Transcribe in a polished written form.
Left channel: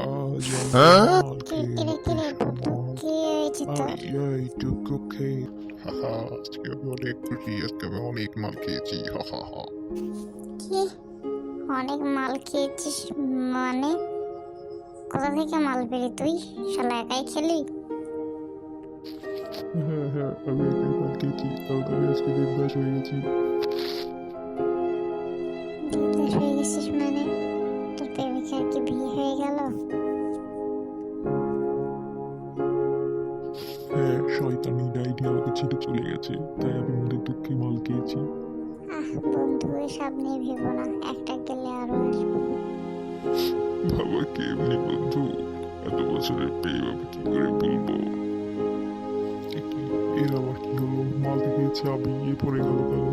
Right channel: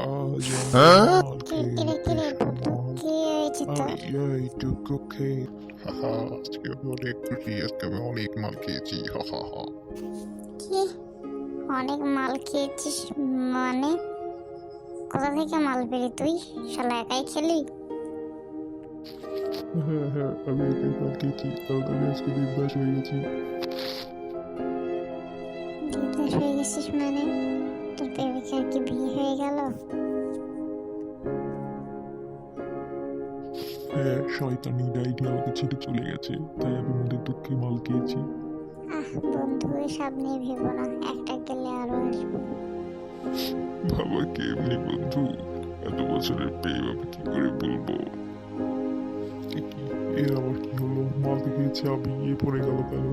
আজ আমি মাল কিরে কিরে বন্ধু, মাল কি হয়েছে তোর? আমি এইটুকু খেয়ে আজকে আমি অনেক খুশি, আজকে আমি অনেক মাল খেয়েছি। কি অনেক মাল খেয়েছিস? মানে কোথা থেকে মাল পেলি তুই? শালা একাই খেলি? হ্যাঁ, আমি একাই মাল খেয়েছি, কারণ আমি আজকে দেবদাস হয়ে গেছি। দেবদাস হয়ে গেছিস মানে? তোর প্রেমিকার কি বিয়ে হয়ে গেল? হ্যাঁ, শয়তানি ডাইনি আমাকে ছেড়ে চলে গেছে, তাই আমি মনের দুঃখে মাল খেয়েছি। বন্ধু, এসব নিয়ে ভেবো না, একটা গেলে আরো আসবো। বাবা কেমনি বন্ধু, এত বছরের প্রেম আমি কি করে বলবো? এ কি, এর আবার কি হলো? মাল খেয়েছে আমি, এ পড়ে গেল কেন?